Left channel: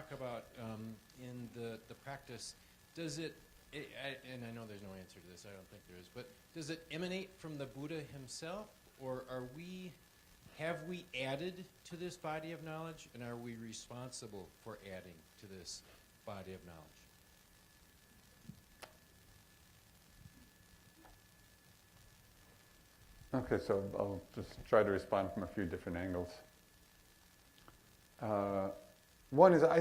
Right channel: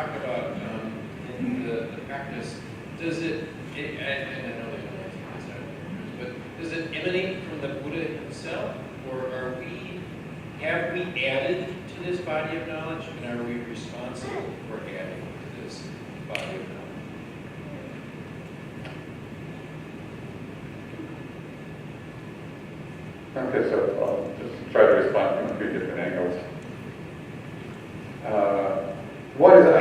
talk about in the practice, does it, and I know they don't answer this, but does it emanate from the Buddha himself, or have we added to this body of knowledge, and are we responsible for adding to this body of knowledge? Okay, so I'll just try to respond from a few different angles. One is I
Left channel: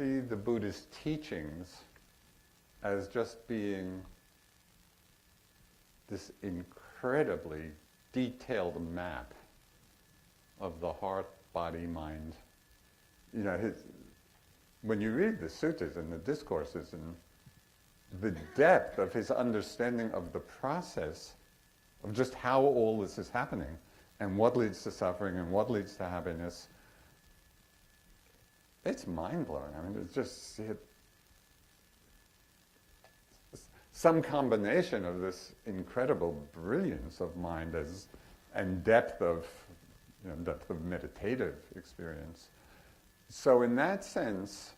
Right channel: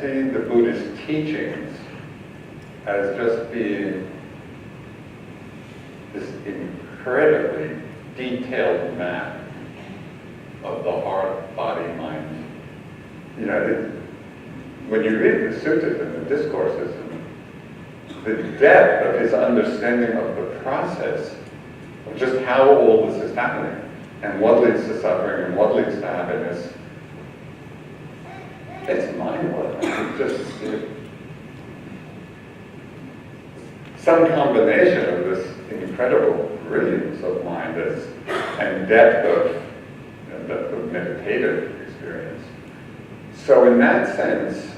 see the Buddhist teachings as just being this incredibly detailed map of the heart, body, mind. You know, when you read the sutras and the discourses, the depth of his understanding of the process of just how all this is happening, and what leads to suffering, and what leads to happiness, it's mind-blowing. Some combination of this incredible brilliance of mind and depth of meditative experience. So in that sense,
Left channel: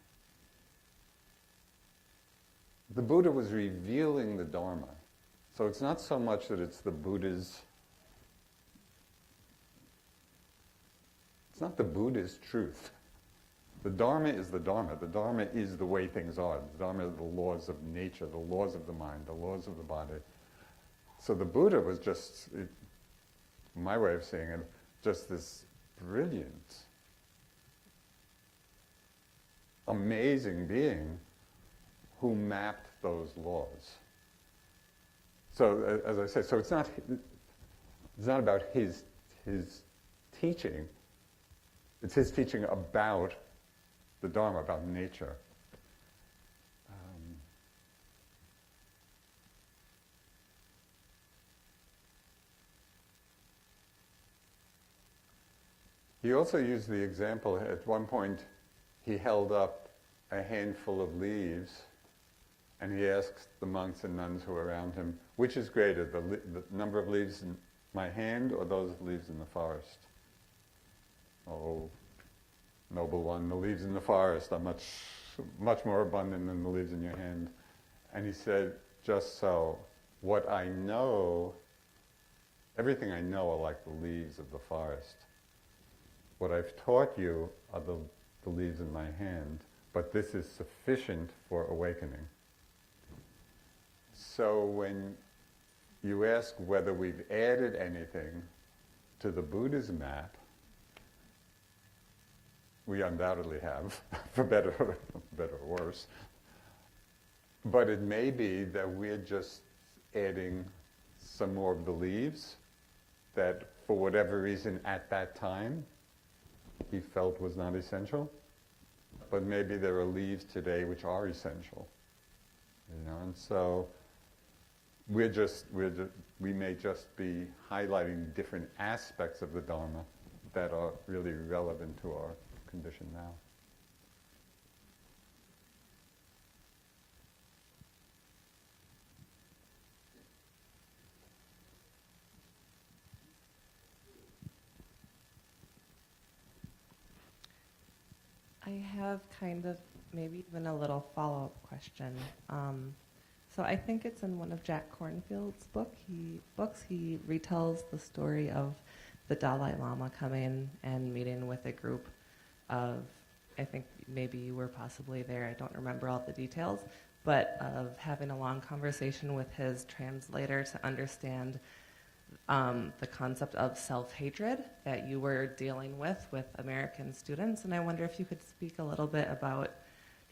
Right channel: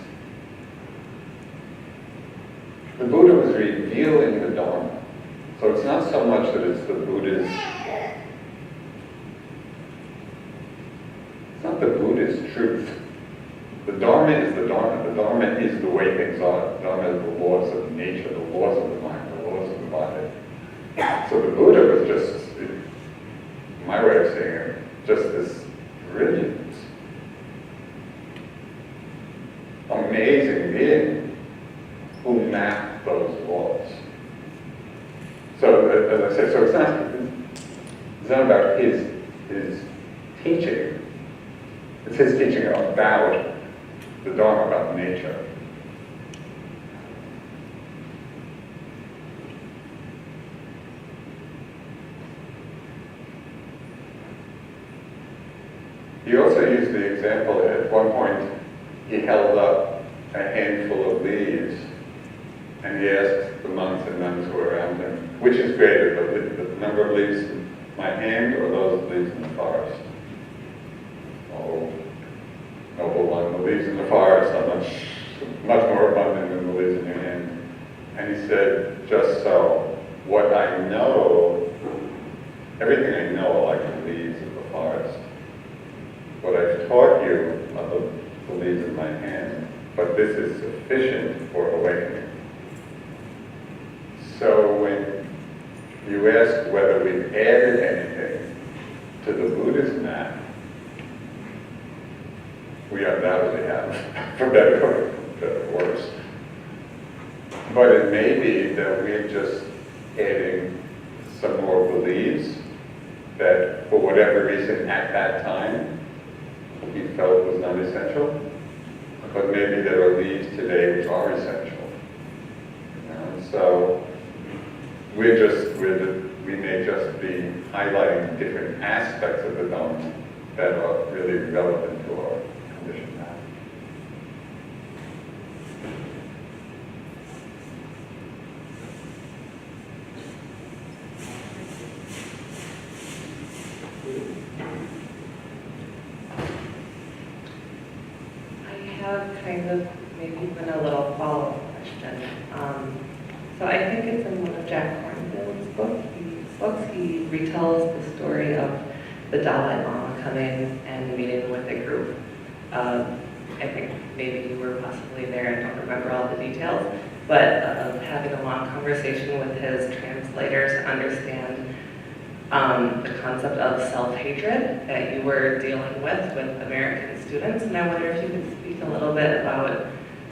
the Buddha was revealing the Dharma. So it's not so much that it's the Buddha's, it's not the Buddha's truth. The Dharma is the Dharma. The Dharma is the way things are. The Dharma is the laws of nature, the laws of the mind, the laws of the body. So the Buddha was just, my way of saying it, just this brilliant, amazing being who mapped those laws. So, as I said, so it's not about his teaching. It's his teaching about the Dharma, about nature. He also used the example that at one point he held up a handful of leaves and he asked the monks and nuns who were around him, which is greater, the number of leaves in my hand or those leaves in the forest? Oh, noble one, the leaves in the forest are much more abundant than the leaves in your hand. And he said, just so, what I know, everything I know are like the leaves of the forest. What I've taught you are the leaves in my hand, but this is sufficient for awakening. So when you ask whether we've added anything to the Buddhist map, we undoubtedly have, for better or worse. But it may be that we're just adding some more beliefs that, for whatever reason, at that time, we felt was not essential. But maybe there are leaves today which are essential. You know? So we may just be highlighting different aspects of the Dharma that are really relevant to our condition now. I have kind of maybe even a little follow-up question. So I think it's in one of Jack Kornfield's books. He retells the story of the Dalai Lama coming and meeting with a group. I think maybe you were possibly there, I don't remember all the details, but having a long conversation with his translators to understand the concept of self-hatred that you were dealing with American students. And I wonder if you could speak a little bit about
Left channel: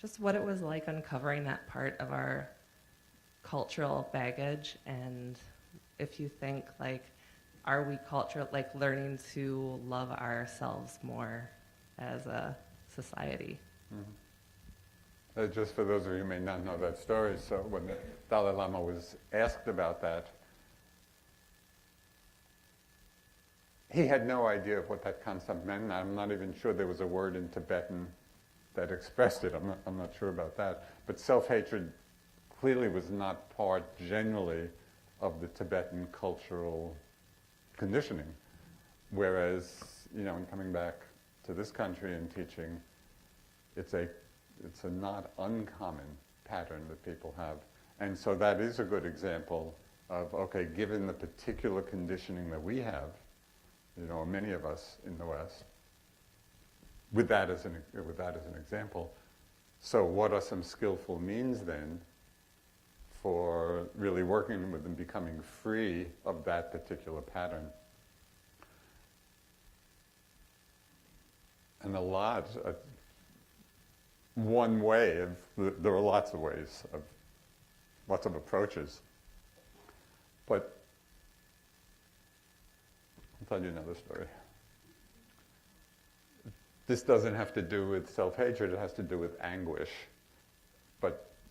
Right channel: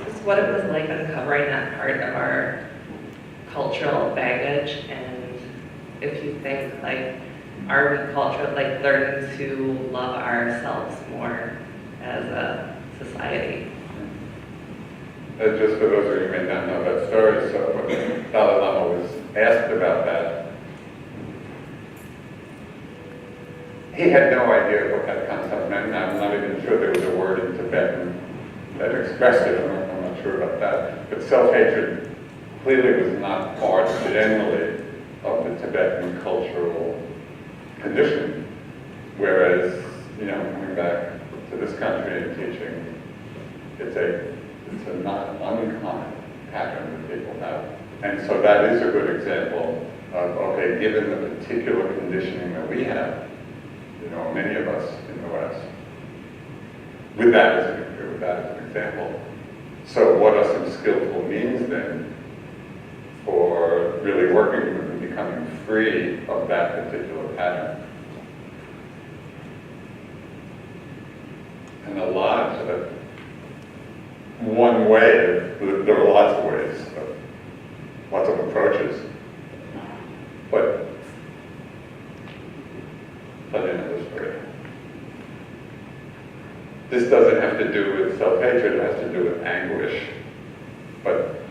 just what it was like uncovering that part of our cultural baggage, and if you think, like, are we cultural, like, learning to love ourselves more as a society? Just for those of you who may not know that story, so when Dalai Lama was asked about that, he had no idea what that concept meant. I'm not even sure there was a word in Tibetan that expressed it. I'm not sure about that. But self-hatred clearly was not part, generally, of the Tibetan cultural condition. Whereas, you know, coming back to this country and teaching It's a not uncommon pattern that people have. And so that is a good example of, okay, given the particular conditioning that we have, many of us in the West, with that as an example. So what are some skillful means then for really working with and becoming free of that particular pattern? And one way, there are lots of ways, lots of approaches, but in this this doesn't have to do with self-hatred, it has to do with anguish, but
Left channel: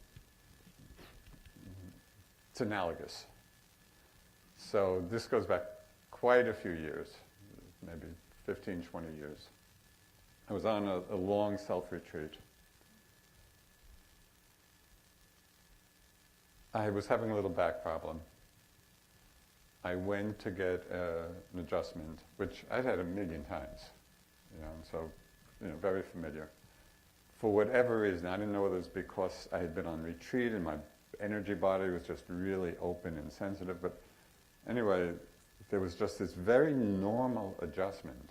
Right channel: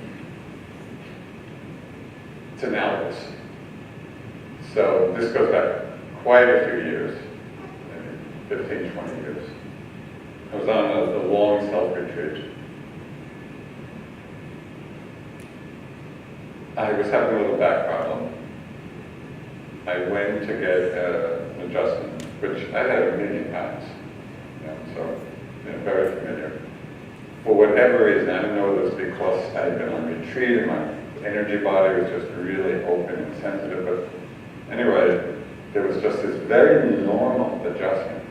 it's analogous. So this goes back quite a few years, maybe 15, 20 years. I was on a long self-retreat. I was having a little back problem. I went to get an adjustment, which I had a million times, so very familiar. For whatever reason, I don't know if it was because I had been on retreat and my energy body was just really open and sensitive, but anyway, there was just this very normal adjustment.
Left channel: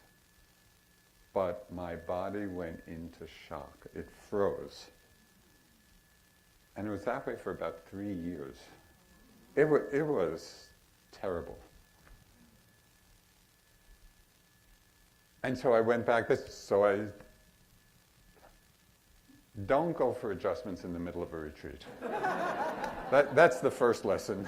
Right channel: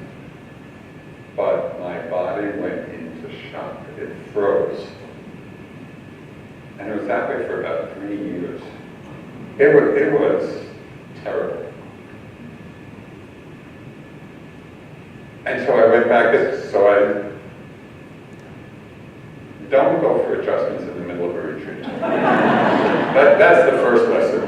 But my body went into shock. It froze. And it was that way for about 3 years. It was terrible. And so I went back, so I don't go for adjustments in the middle of a retreat. That's the first lesson.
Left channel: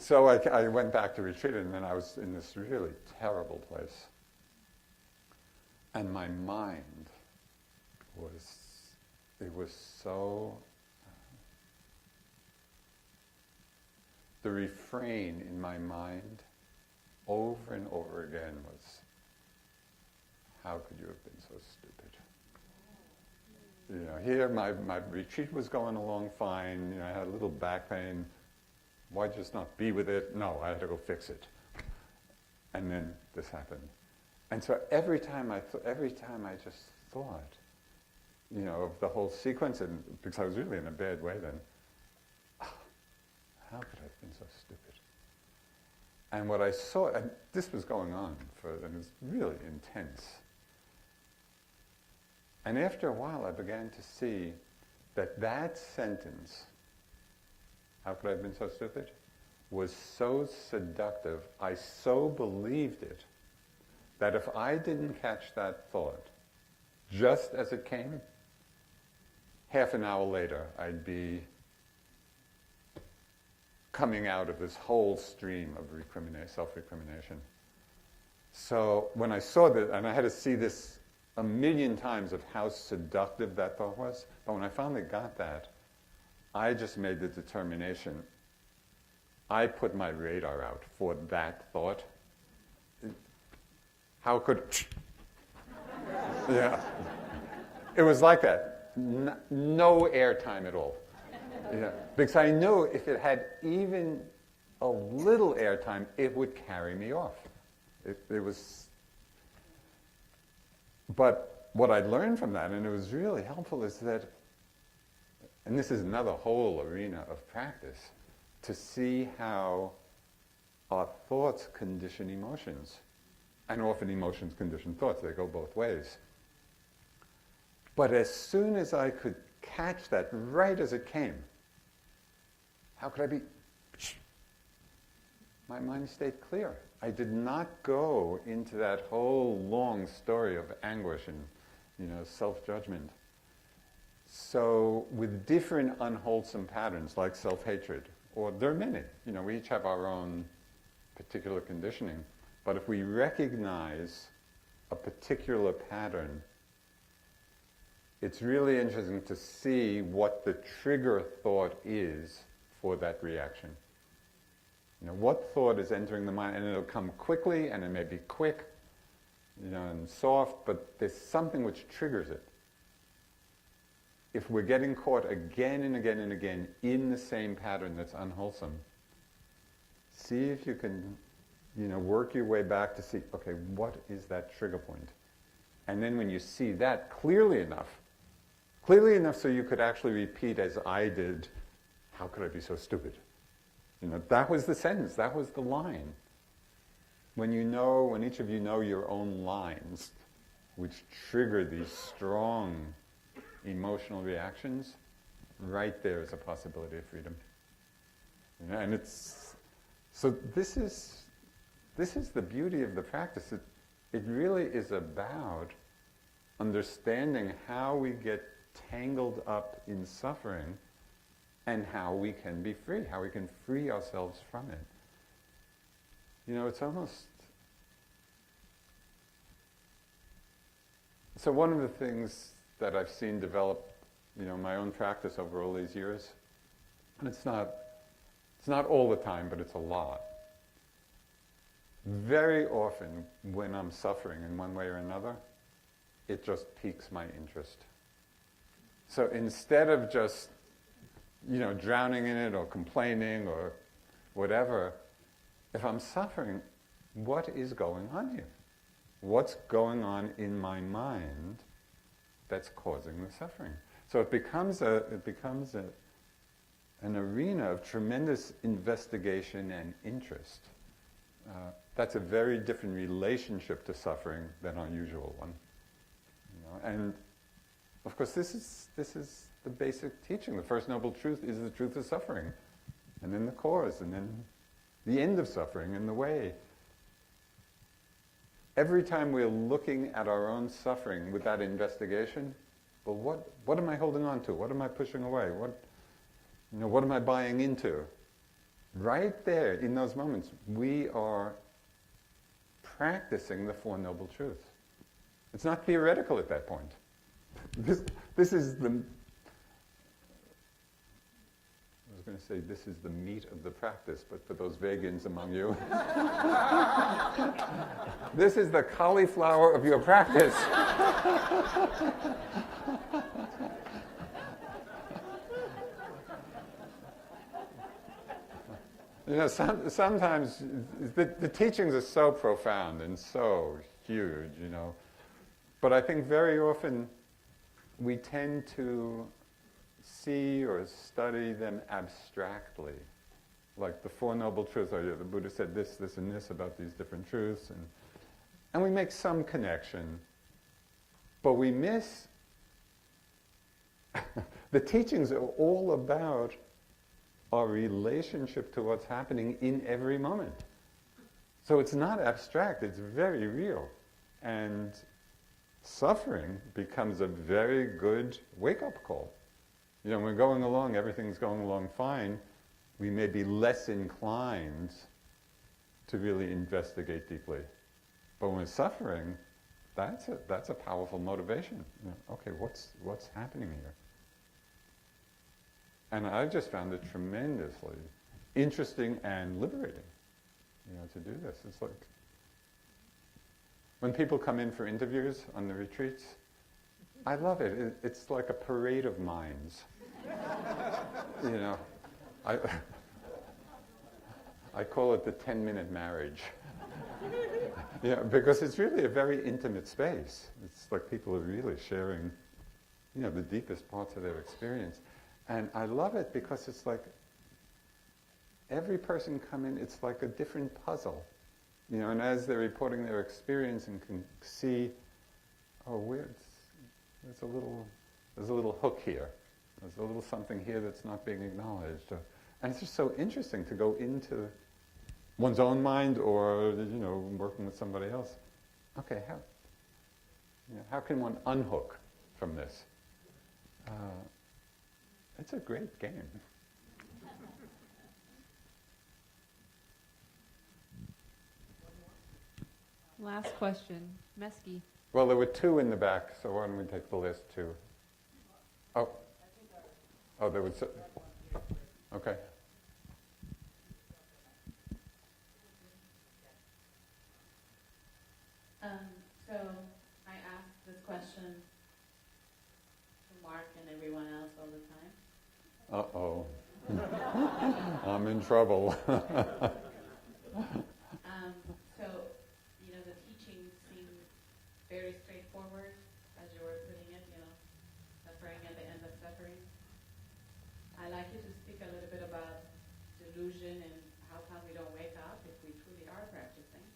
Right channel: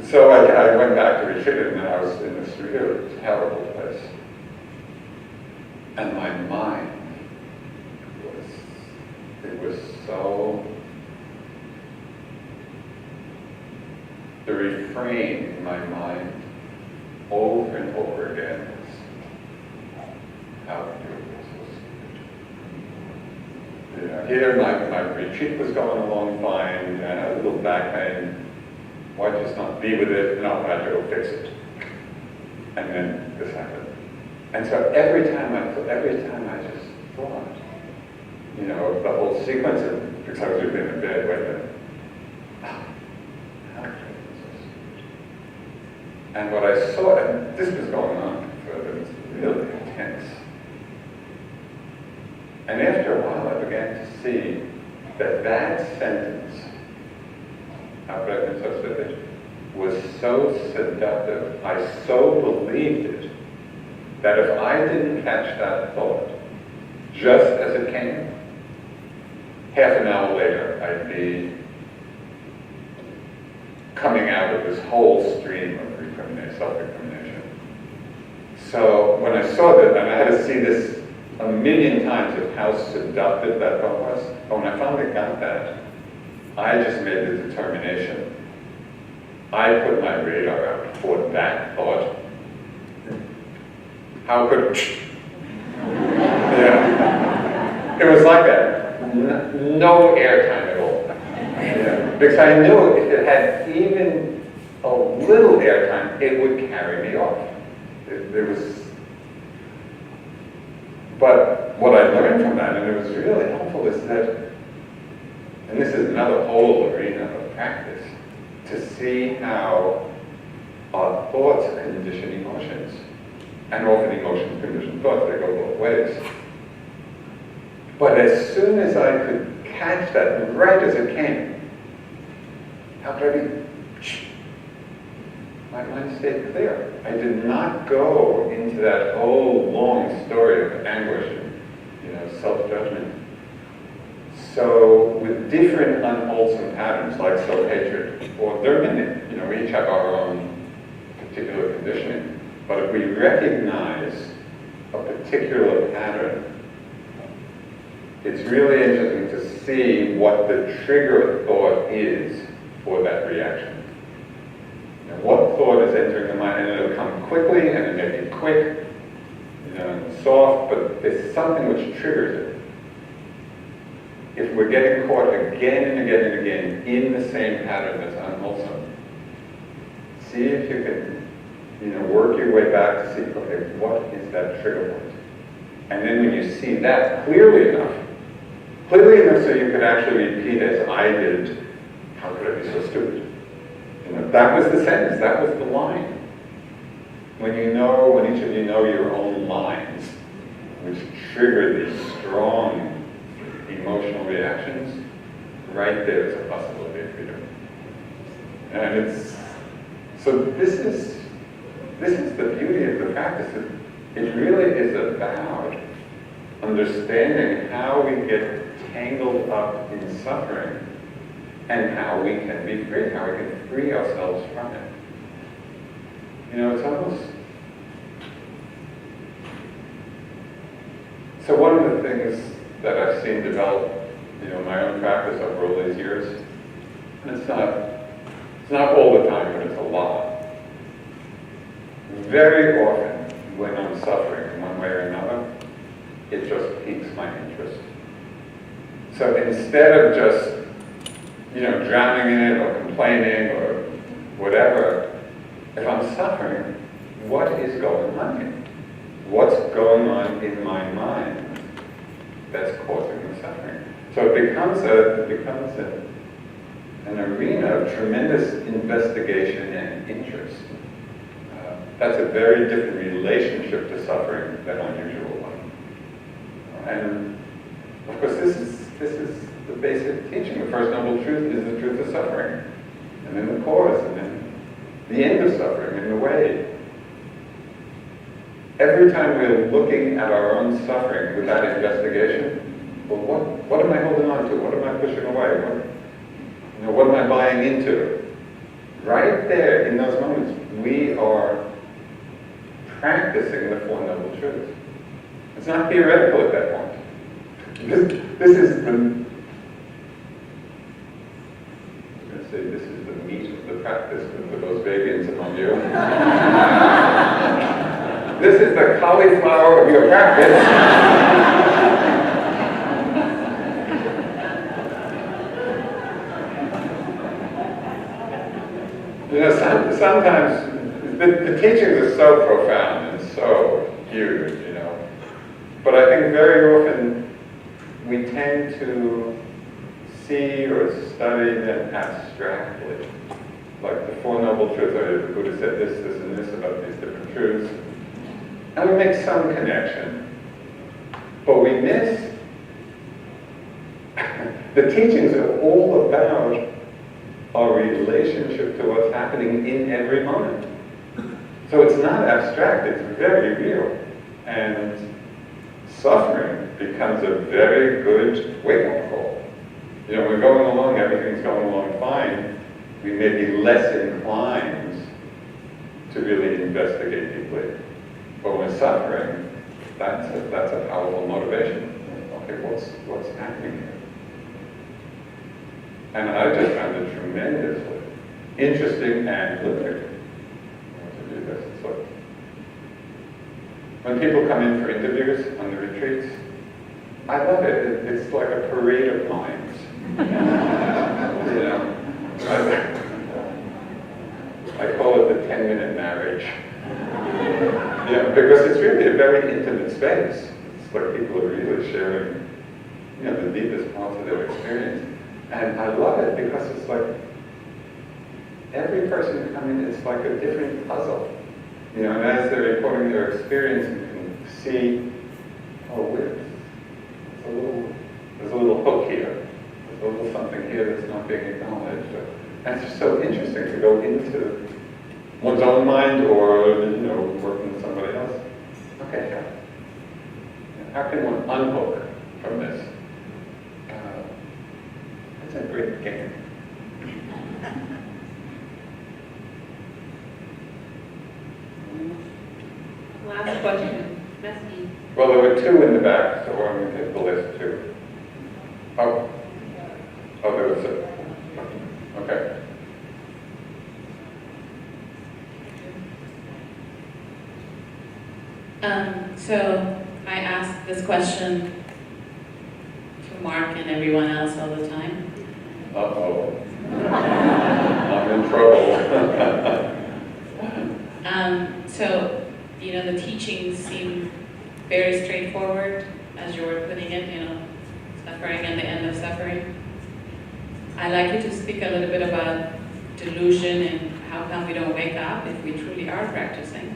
So I went back to retreat, and I was in this really terrible place. And my mind was so, the refrain in my mind over and over again was, how beautiful. Here my retreat was going along fine, and I had a little back pain. Why just not be with it? No, I had to go fix it. And then this happened. And so every time I just thought, the whole sequence of, because I was in a bed, wait a minute. How great is this? And what I saw, and this was going on for, it was really intense. And after a while, I began to see that sentence, was so seductive, I so believed it, that if I didn't catch that thought just as it came, half an hour later, I'd be coming out of this whole stream of self-recrimination. So when I saw that, and I had to see this a million times of how seductive that thought was, when I finally got that, I just made the determination. I put my radar out for that thought. How could, it was like that. No airtime at all. Because I knew if it had even a little airtime, it would carry me off. But what I learned from that, and it was really helpful, is that, and this is another whole arena of practice, to see how our thoughts condition emotions. And often emotions condition thoughts, they go both ways. But as soon as I could catch that, right as it came, how could I be? My mind stayed clear. I did not go into that whole long story of anguish and self-judgment. So with different unwholesome patterns like self-hatred, or they're we each have our own particular conditioning, but if we recognize a particular pattern, it's really interesting to see what the trigger thought is for that reaction. And what thought is entering the mind, and it'll come quickly, and it may be quick, and soft, but it's something which triggers it. If we're getting caught again and again and again in the same pattern that's unwholesome, see if you can, work your way back to see, okay, what is that trigger point? And then when you see that clearly enough so you can actually repeat as I did, how could I be so stupid? You know, that was the sentence, that was the line. When each of you know your own lines, which trigger these strong emotional reactions, right there's a possibility of freedom. And so this is the beauty of the practice. It really is about understanding how we get tangled up in suffering and how we can be free, how we can free ourselves from it. You know, it's almost... So one of the things that I've seen develop, you know, in my own practice over all these years, and it's not all the time, but it's a lot. Very often, when I'm suffering in one way or another, it just piques my interest. So instead of just, you know, drowning in it or complaining or whatever, if I'm suffering, what is going on here? What's going on in my mind that's causing the suffering? So it becomes an arena of tremendous investigation and interest. That's a very different relationship to suffering than unusual one. And of course, this is the basic teaching. The first noble truth is the truth of suffering, and then the cause, and then the end of suffering, and the way. Every time we're looking at our own suffering with that investigation, well, what am I holding on to? What am I pushing away? What am I buying into? Right there, in those moments, we are practicing the Four Noble Truths. It's not theoretical at that point. This is the meat of the practice for those Vegas among you. This is the cauliflower of your practice. You know, sometimes the teachings are so profound and so huge, you know. But I think very often we tend to see or study them abstractly. Like the Four Noble Truths, the Buddha said this, this, and this about these different truths. And we make some connection. But we miss the teachings are all about our relationship to what's happening in every moment. So it's not abstract, it's very real. And suffering becomes a very good wake-up call. You know, we're going along, everything's going along fine. We may be less inclined to really investigate deeply. But when we're suffering, that's a powerful motivation. Okay, what's happening here? And I just found it tremendously interesting and liberating to do this. It's like, when people come in for interviews on the retreats, I love it. It's like a parade of minds. You know, I call it the 10-minute marriage. Yeah, because it's really a very intimate space. It's like people are really sharing, you know, the deepest parts of their experience. And I love it because it's like every person who comes in is like a different puzzle. You know, and as they're reporting their experience, you can see, oh, there's a little hook here. There's a little something here that's not being acknowledged. And it's just so interesting to go into one's own mind or, you know, working with somebody else. Okay, how can one unhook from this? That's a great game. Last question. That's me. Well, there were two in the back, so I'm going to take the list too. Oh, there was a... Okay. So I ask this question to Mark and everyone else all the time. Uh-oh. I'm in trouble. So, you know, the teachings seem very straightforward, as you were putting it, suffering and the end of suffering. I'd like you to speak a little bit about delusion and how come we don't wake up if we truly are practicing.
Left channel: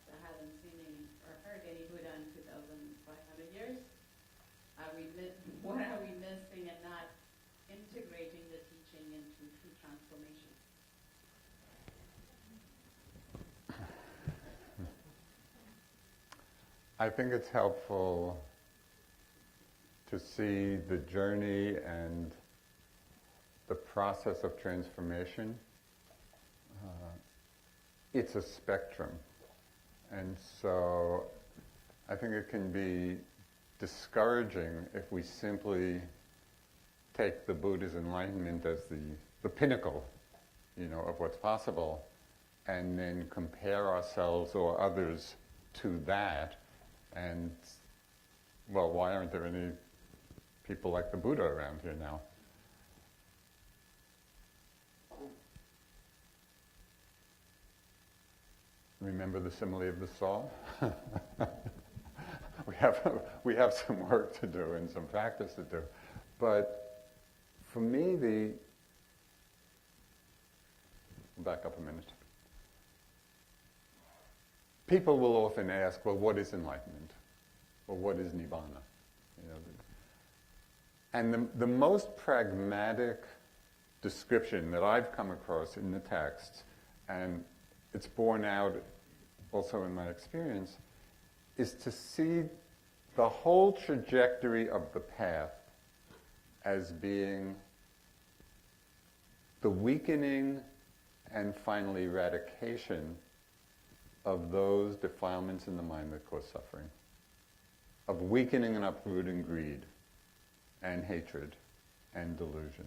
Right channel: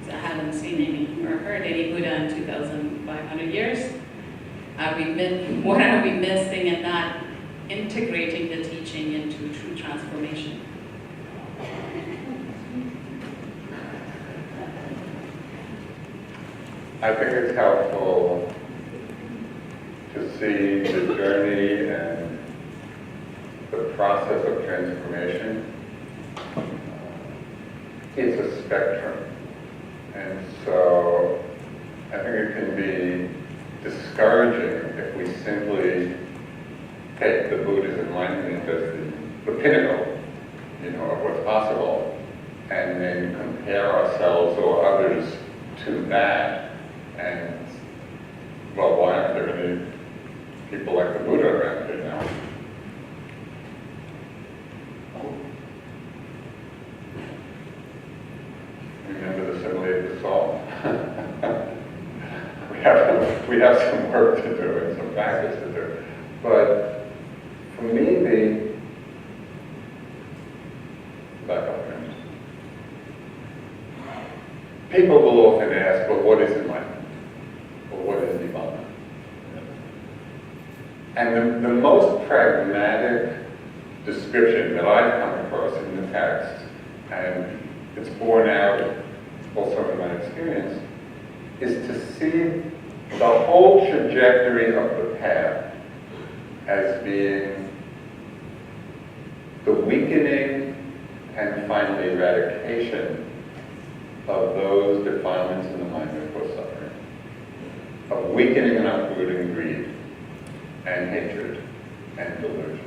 Because I haven't seen any or heard any Buddha in 2,500 years. What are we missing and not integrating the teaching into true transformation? I think it's helpful to see the journey and the process of transformation. It's a spectrum. And so I think it can be discouraging if we simply take the Buddha's enlightenment as the pinnacle, of what's possible, and then compare ourselves or others to that. And, well, why aren't there any people like the Buddha around here now? Remember the simile of the song. we have some work to do and some practice to do. But for me, people will often ask, well, what is enlightenment? Or what is nirvana? And the most pragmatic description that I've come across in the text, and it's borne out also in my experience, is to see the whole trajectory of the path as being the weakening and finally eradication of those defilements in the mind that cause suffering, of weakening and uprooting greed and hatred and delusion.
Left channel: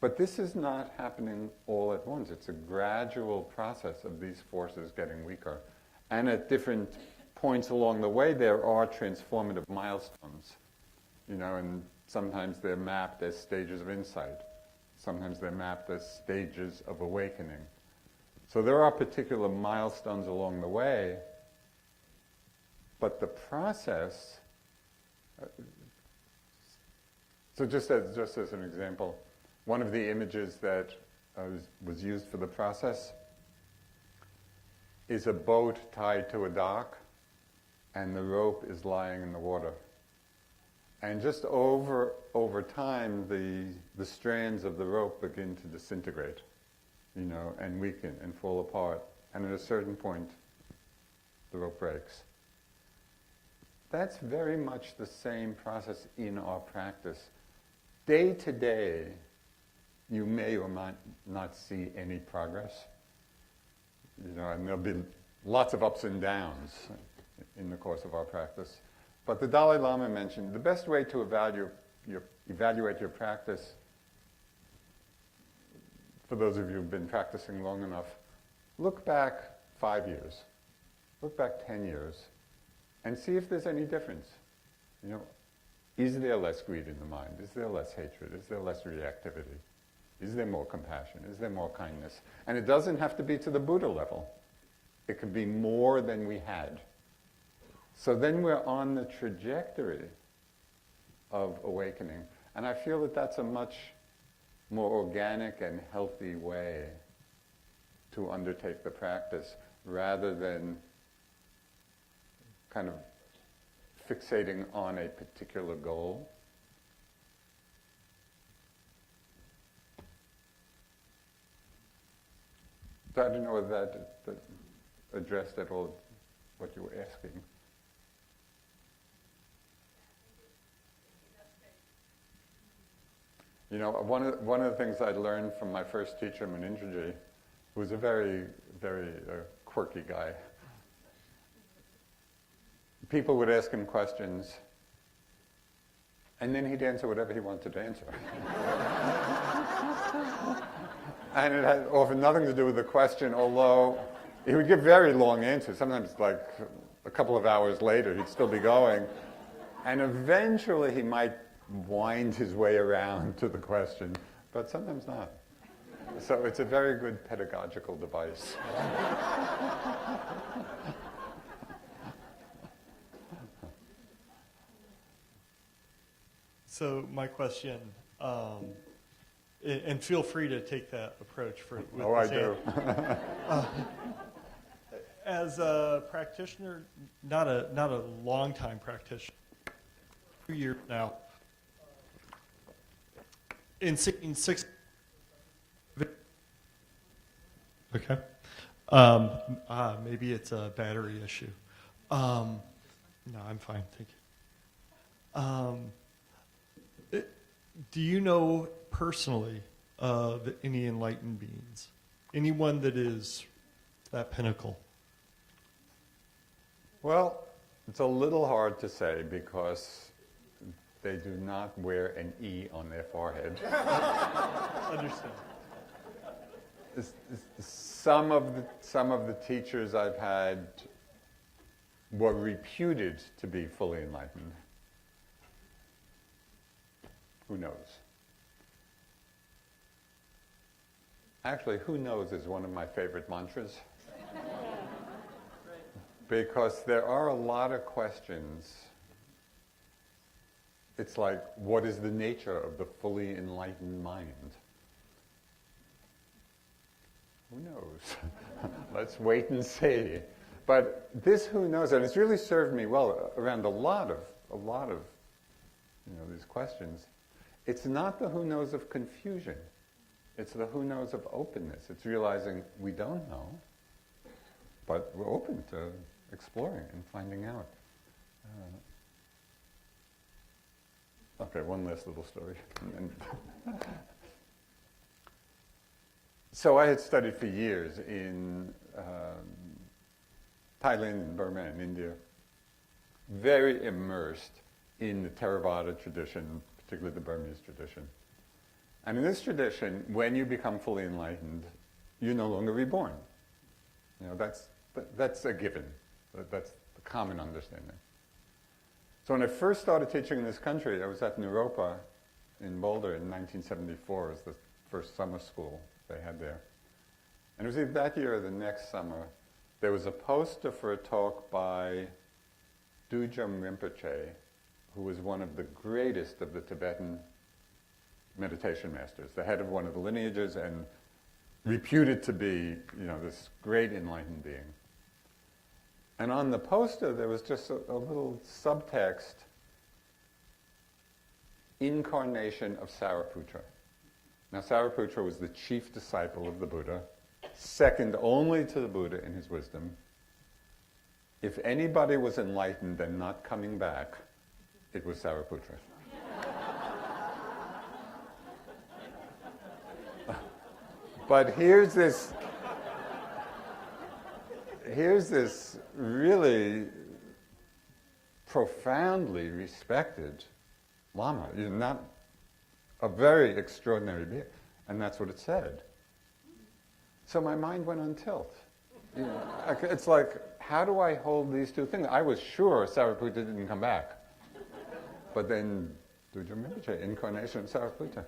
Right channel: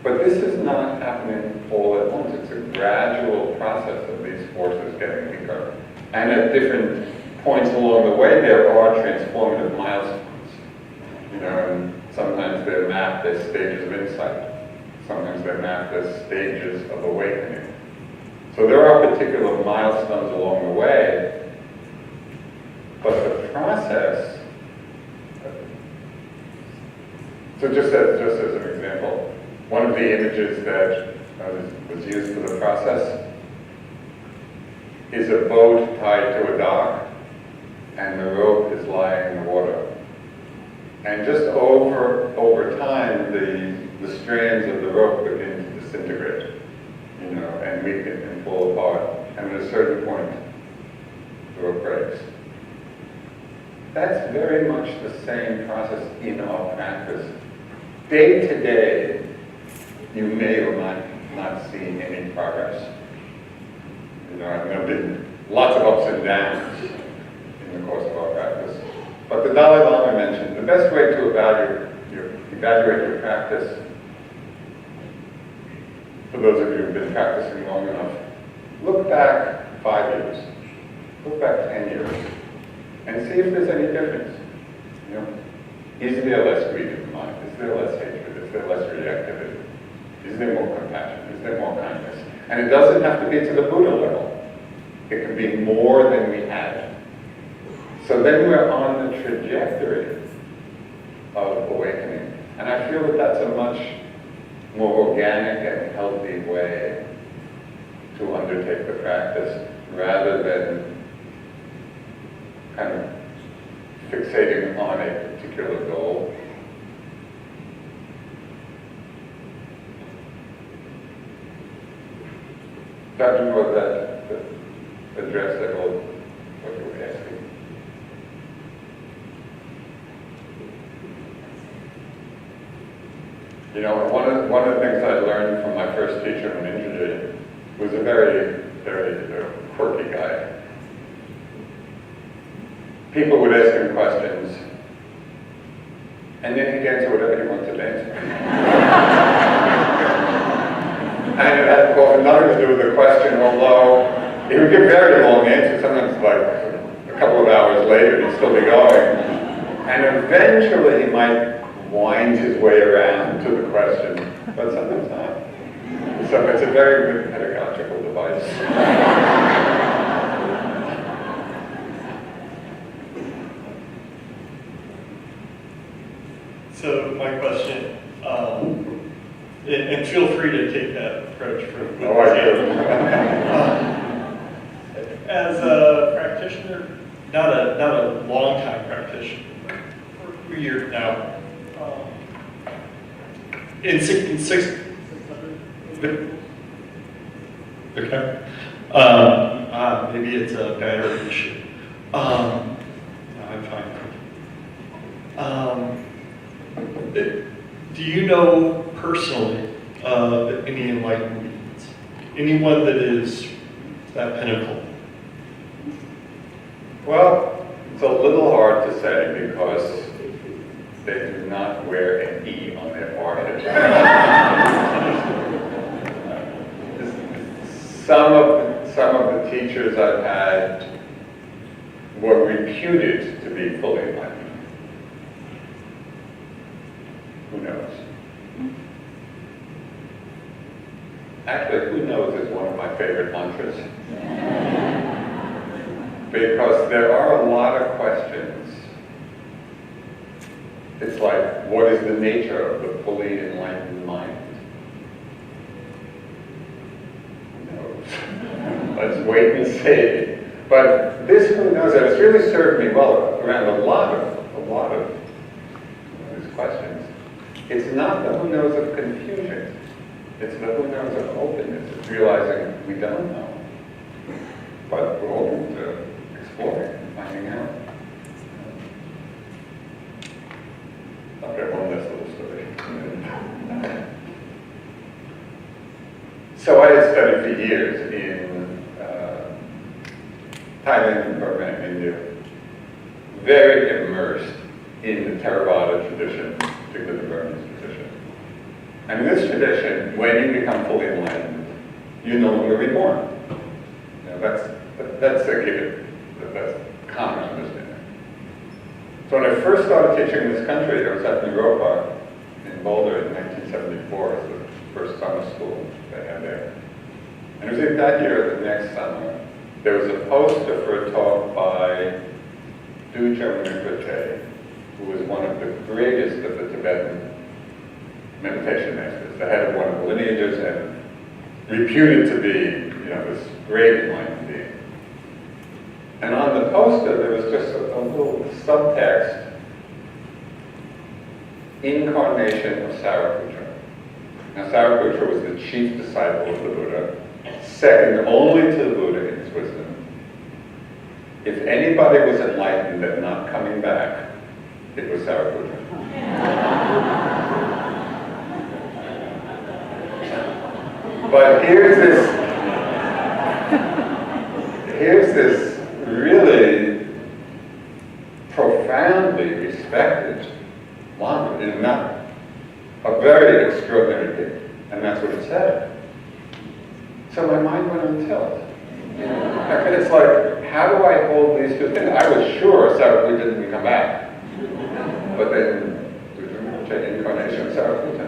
But this is not happening all at once. It's a gradual process of these forces getting weaker. And at different points along the way, there are transformative milestones. And sometimes they're mapped as stages of insight. Sometimes they're mapped as stages of awakening. So there are particular milestones along the way, but the process. So just as an example, one of the images that was used for the process is a boat tied to a dock, and the rope is lying in the water. And just over time, the strands of the rope begin to disintegrate, and weaken and fall apart. And at a certain point, the rope breaks. That's very much the same process in our practice. Day to day, you may or might not see any progress. There have been lots of ups and downs in the course of our practice. But the Dalai Lama mentioned the best way to evaluate your practice, for those of you who've been practicing long enough, look back 5 years, look back 10 years, and see if there's any difference. Is there less greed in the mind? Is there less hatred? Is there less reactivity? Is there more compassion? Is there more kindness? And it doesn't have to be to the Buddha level. It can be more than we had. So then we're on the trajectory of awakening. And I feel that that's a much more organic and healthy way to undertake the practice, rather than kind of fixating on a particular goal. Dr. Moore, that address that what you were asking. One of the things I learned from my first teacher in India was a very, very quirky guy. People would ask him questions, and then he'd answer whatever he wanted to answer. And it had often nothing to do with the question, although he would give very long answers, sometimes like a couple of hours later, he'd still be going. And eventually he might wind his way around to the question, but sometimes not. So it's a very good pedagogical device. So my question, and feel free to take that approach for. Oh, I do. As a practitioner, not a long-time practitioner, for a year now, in six, okay. Maybe it's a battery issue. No, I'm fine. Do you know personally any enlightened beings? Anyone that is that pinnacle? Well, it's a little hard to say because they do not wear an E on their forehead. Some of the teachers I've had were reputed to be fully enlightened. Who knows? Actually, who knows is one of my favorite mantras. Because there are a lot of questions. It's like, what is the nature of the fully enlightened mind? Who knows? Let's wait and see. But this who knows, and it's really served me well around a lot of these questions. It's not the who knows of confusion. It's the who knows of openness. It's realizing we don't know. But we're open to exploring and finding out. I'll get one last little story. So I had studied for years in Thailand and Burma and India, very immersed in the Theravada tradition, particularly the Burmese tradition. And in this tradition, when you become fully enlightened, you no longer reborn. You know, that's a given. That's common understanding. So when I first started teaching in this country, I was at New Park in Boulder in 1974, it was the first summer school they had there. And it was in that year, the next summer, there was a poster for a talk by Dujung Rinpoche, who was one of the greatest of the Tibetan meditation masters, the head of one of the lineages and reputed to be, this great enlightened being. And on the poster, there was just a little subtext, incarnation of Sariputra. Now, Sariputra was the chief disciple of the Buddha, second only to the Buddha in his wisdom. If anybody was enlightened and not coming back, it was Sariputra. But here's this really profoundly respected Lama, not a very extraordinary thing, and that's what it said. So my mind went on tilt. It's like, how do I hold these two things? I was sure Sariputra didn't come back, but then the incarnation of Sariputra.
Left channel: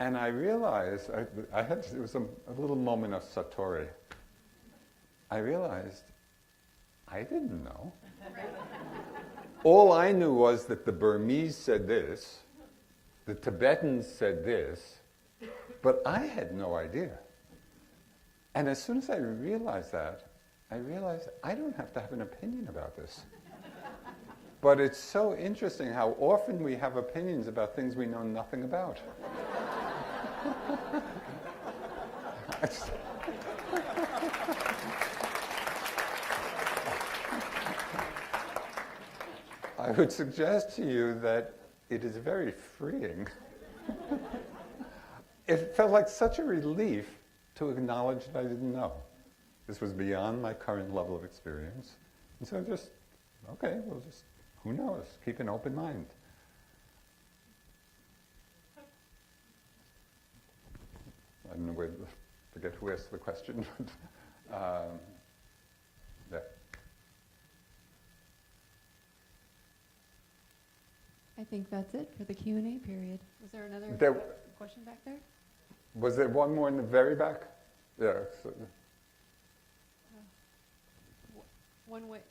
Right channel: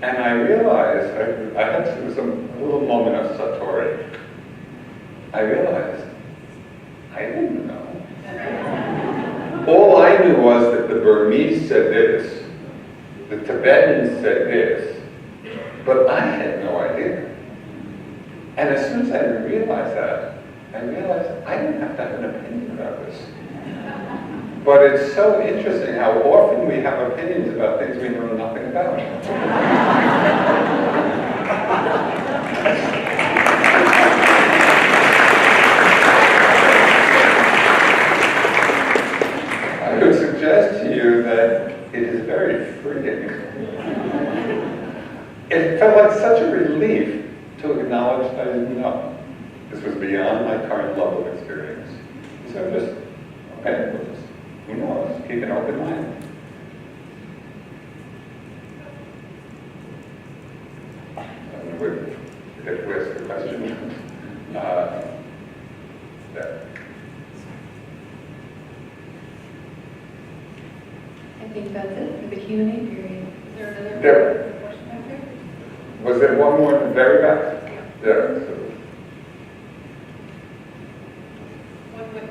And I realized, I had a little moment of satori. I realized, I didn't know. All I knew was that the Burmese said this, the Tibetans said this, but I had no idea. And as soon as I realized that, I realized I didn't have to have an opinion about this. But it's so interesting how often we have opinions about things we know nothing about. I would suggest to you that it is very freeing. It felt like such a relief to acknowledge I didn't know. This was beyond my current level of experience. So just, okay, we'll just, who knows, keep an open mind. If there's a question, there. I think that's it for the Q&A period. Is there another There. question back there? Was there one more in the very back? There. So. One quick.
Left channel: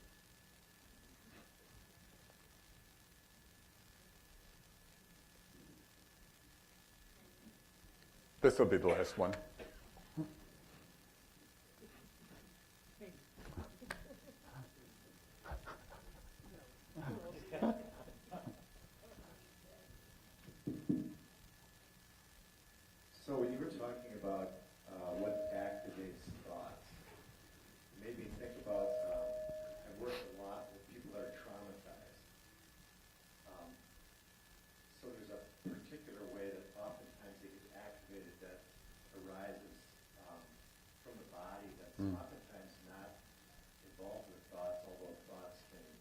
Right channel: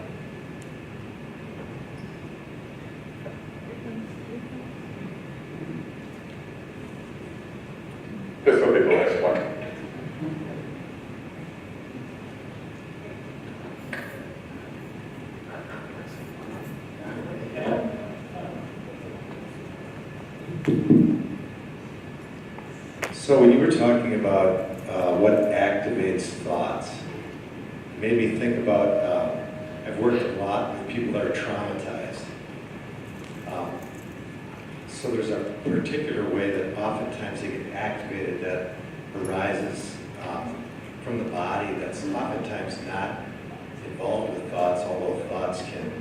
So when you were talking about what activates thoughts, it made me think about, I've worked a lot with people that are traumatized. So there's a particular way that oftentimes they get activated that arises from the body that's oftentimes not involved with thoughts, although thoughts can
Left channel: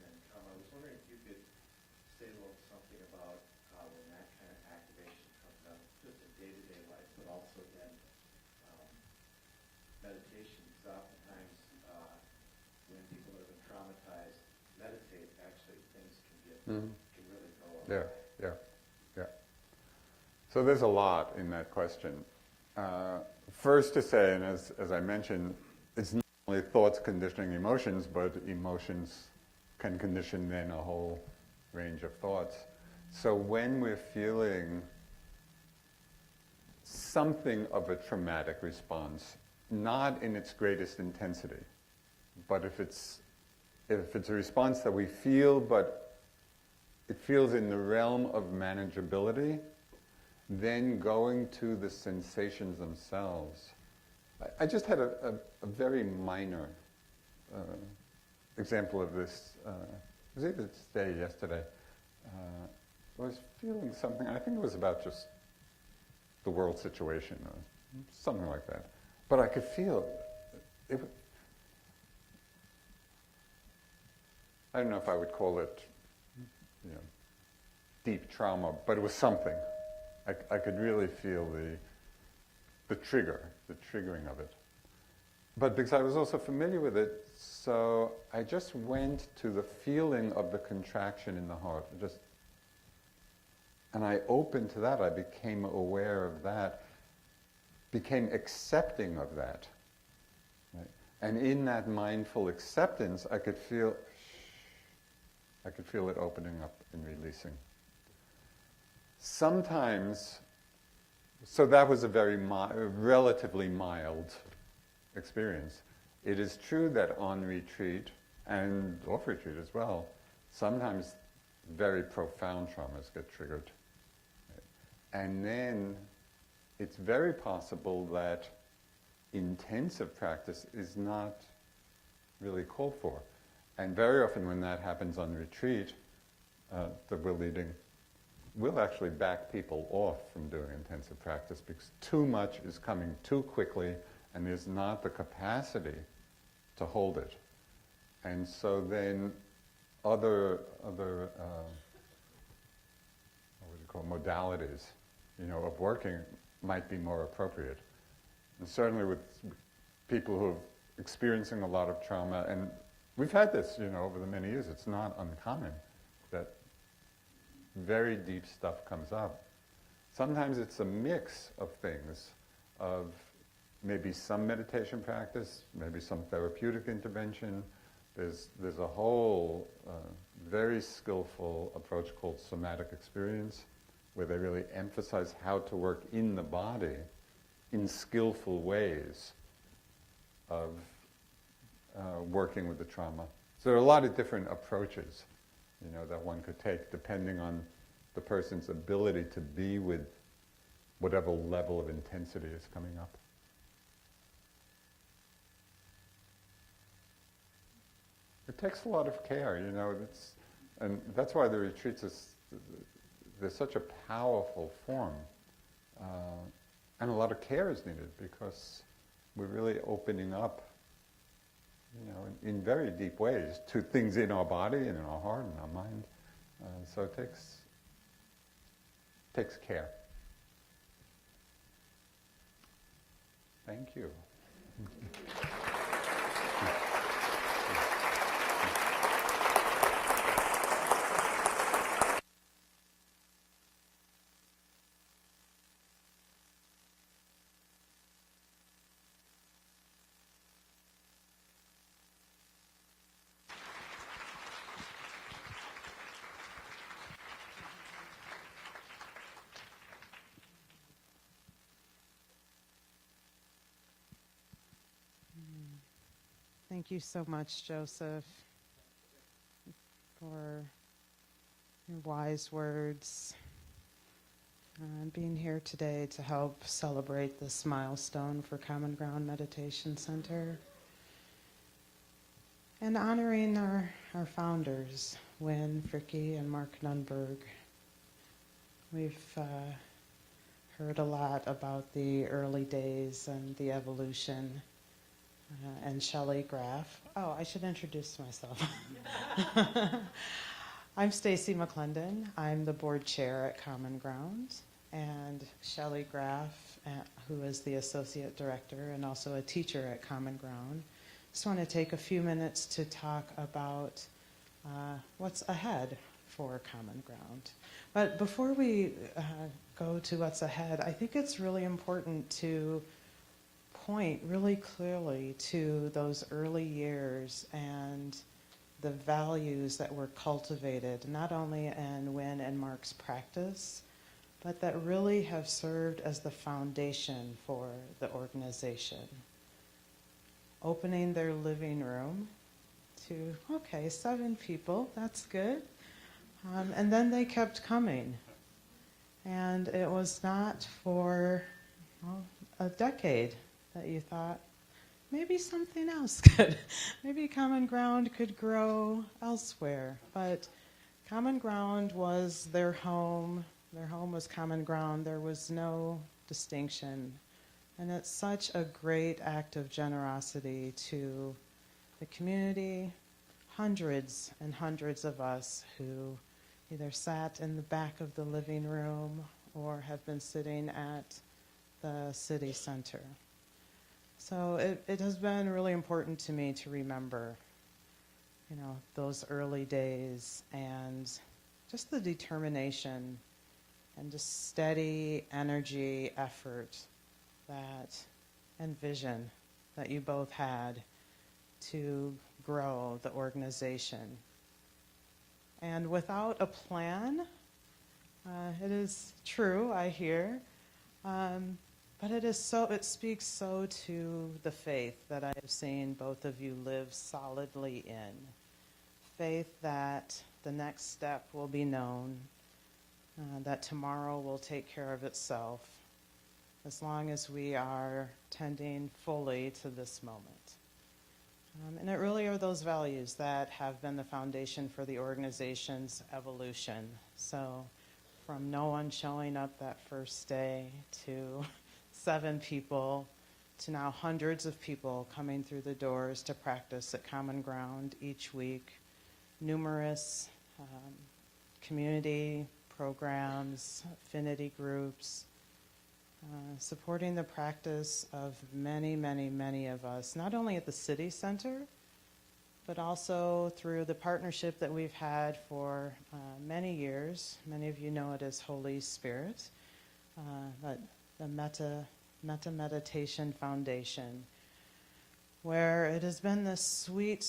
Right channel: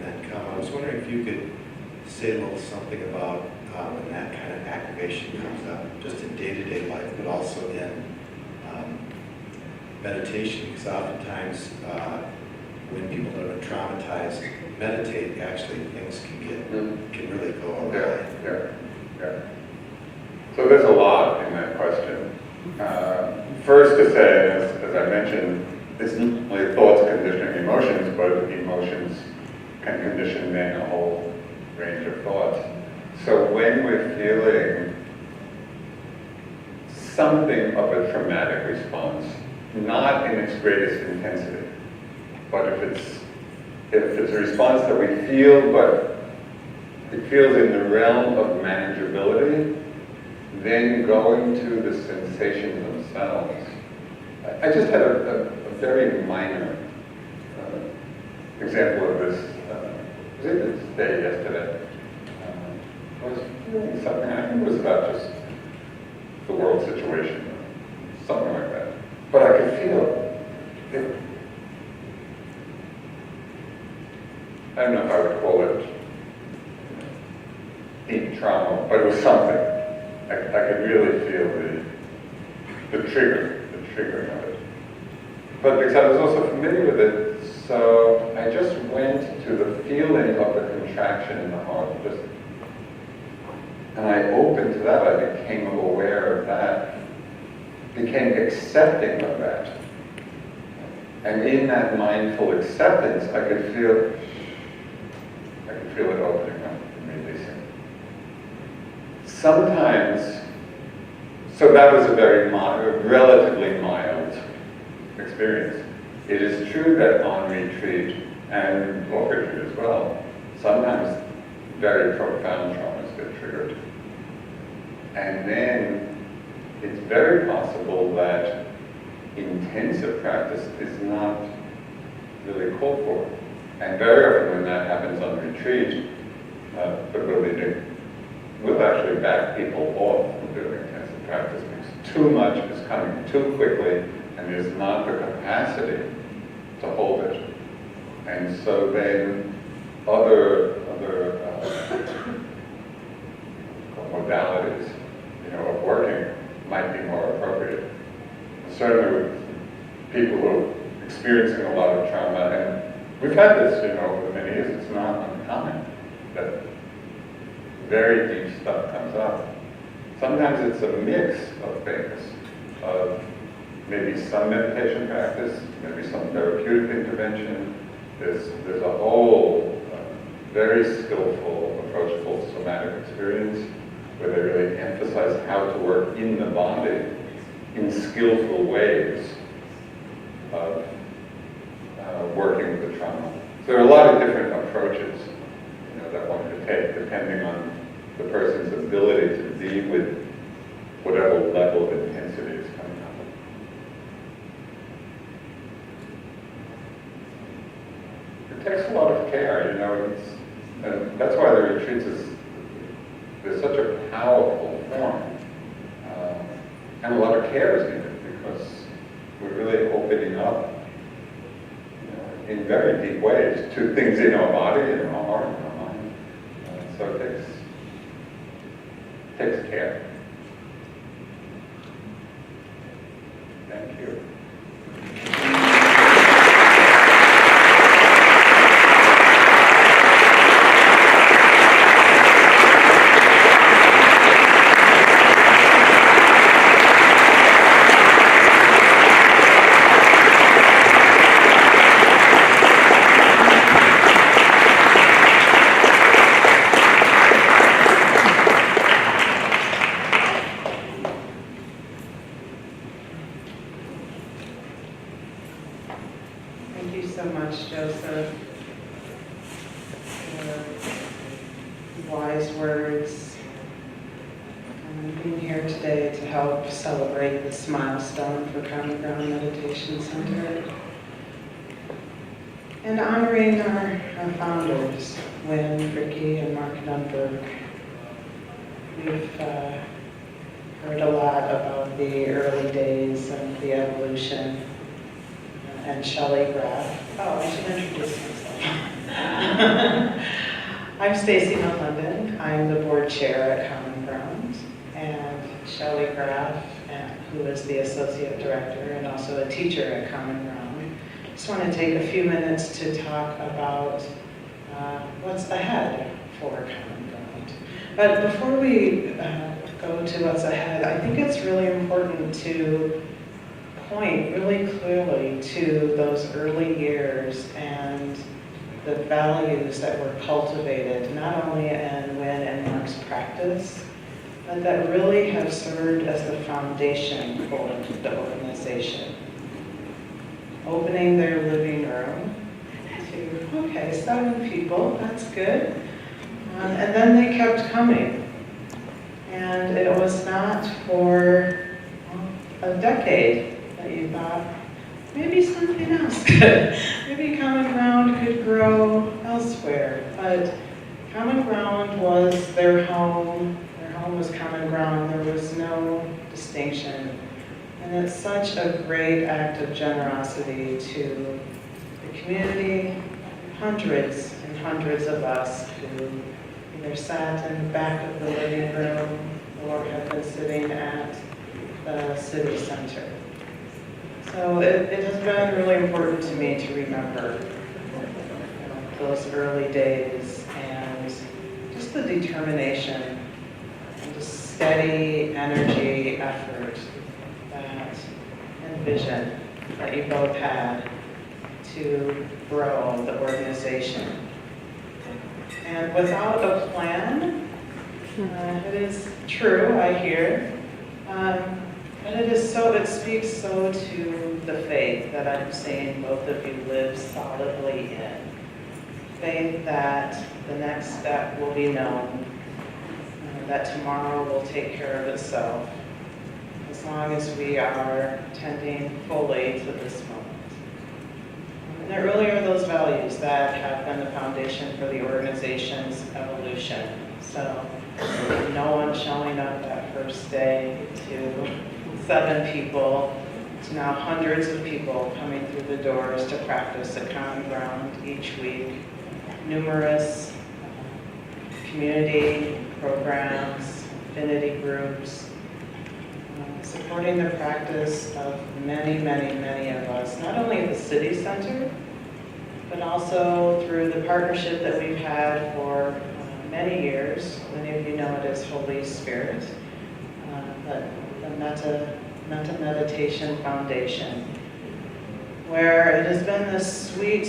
then come. I was wondering if you could say a little something about when that kind of activation comes up, just in day-to-day life, but also in meditation, because oftentimes when people that are traumatized meditate, actually things can really go awry. Yeah. So there's a lot in that question. First to say, as I mentioned, it's not only thoughts conditioning emotions, but emotions can condition then a whole range of thoughts. So when we're feeling something of a traumatic response, not in its greatest intensity, but if it's a response that we feel, but it feels in the realm of manageability, then going to the sensations themselves. I just had a very minor example of this. Was it today, yesterday? I was feeling something, I think it was about just the world situation, something like that. But I could feel it. I don't know if I would call it deep trauma, but it was something. I could really feel the triggering of it. But because I was also familiar with it, so I just went to the feeling of the contraction in the heart. And I opened to that, I became aware of that, became accepting of that. And in that mindful acceptance, I could feel it opening up and releasing. Sometimes, so that was a very relatively mild experience. It is true that on retreat, and off retreat as well, sometimes very profound traumas get triggered. And then it's very possible that intensive practice is not really called for. And very often when that happens on retreat, we'll actually back people off from doing intensive practice because too much is coming too quickly and there's not the capacity to hold it. And so then other modalities, of working might be more appropriate. Certainly with people who are experiencing a lot of trauma, and we've had this, over many years, it's not uncommon that very deep stuff comes up. Sometimes it's a mix of things, of maybe some meditation practice, maybe some therapeutic intervention. There's a whole very skillful, approachable somatic experience where they really emphasize how to work in the body in skillful ways of working with the trauma. So there are a lot of different approaches that one could take depending on the person's ability to deal with whatever level of intensity is coming up. It takes a lot of care, and that's why the retreats is such a powerful form. And a lot of care is needed because we're really opening up in very deep ways to things in our body, in our heart, in our mind. So it takes care. Thank you. Thank you so much, Joseph, for wise words I'm being here today to help celebrate this milestone for Common Ground Meditation Center and honoring our founders, Lynn, Ricky, and Mark Nunberg. We've heard a lot about the early days of the evolution, and Shelley Graff. Oh, I should introduce myself. I'm Stacy McClendon. I'm the board chair at Common Ground, and Shelley Graff, who is the associate director and also a teacher at Common Ground. Just want to take a few minutes to talk about what's ahead for Common Ground. But before we go to what's ahead, I think it's really important to point really clearly to those early years and the values that were cultivated, not only in Wynn and Mark's practice, but that really have served as the foundation for the organization. Opening their living room to, okay, 7 people, that's good. And then they kept coming. And it was not for a decade that you thought, maybe something else could. Maybe Common Ground could grow elsewhere. But Common Ground was their home. Their home was Common Ground. There was no distinction. And it's such a great act of generosity to the community, hundreds and hundreds of us who either sat in the back of the living room or have been sitting at the city center. So it has been really important to me to remember those early days and just the determination and the steady energy, effort, and vision that you both had to grow the organization. And without a plan, it is true, I hear, but it speaks so to the faith that I'm seeing both of you live solidly in. Faith that the next step will be known, that tomorrow will take care of itself, as long as we are tending fully to this moment. And there really are those values that have been the foundation for the organization's evolution. So no one showing up that first day to 7 people, to now hundreds of people coming through the doors to practice at Common Ground each week. Numerous community programs, affinity groups, supporting the practice of many, many, many of us, not only at the city center, but also through the partnership that we've had for many years. Many of you know it as Holy Spirit, but the Metta Meditation Foundation, where it has been this sweet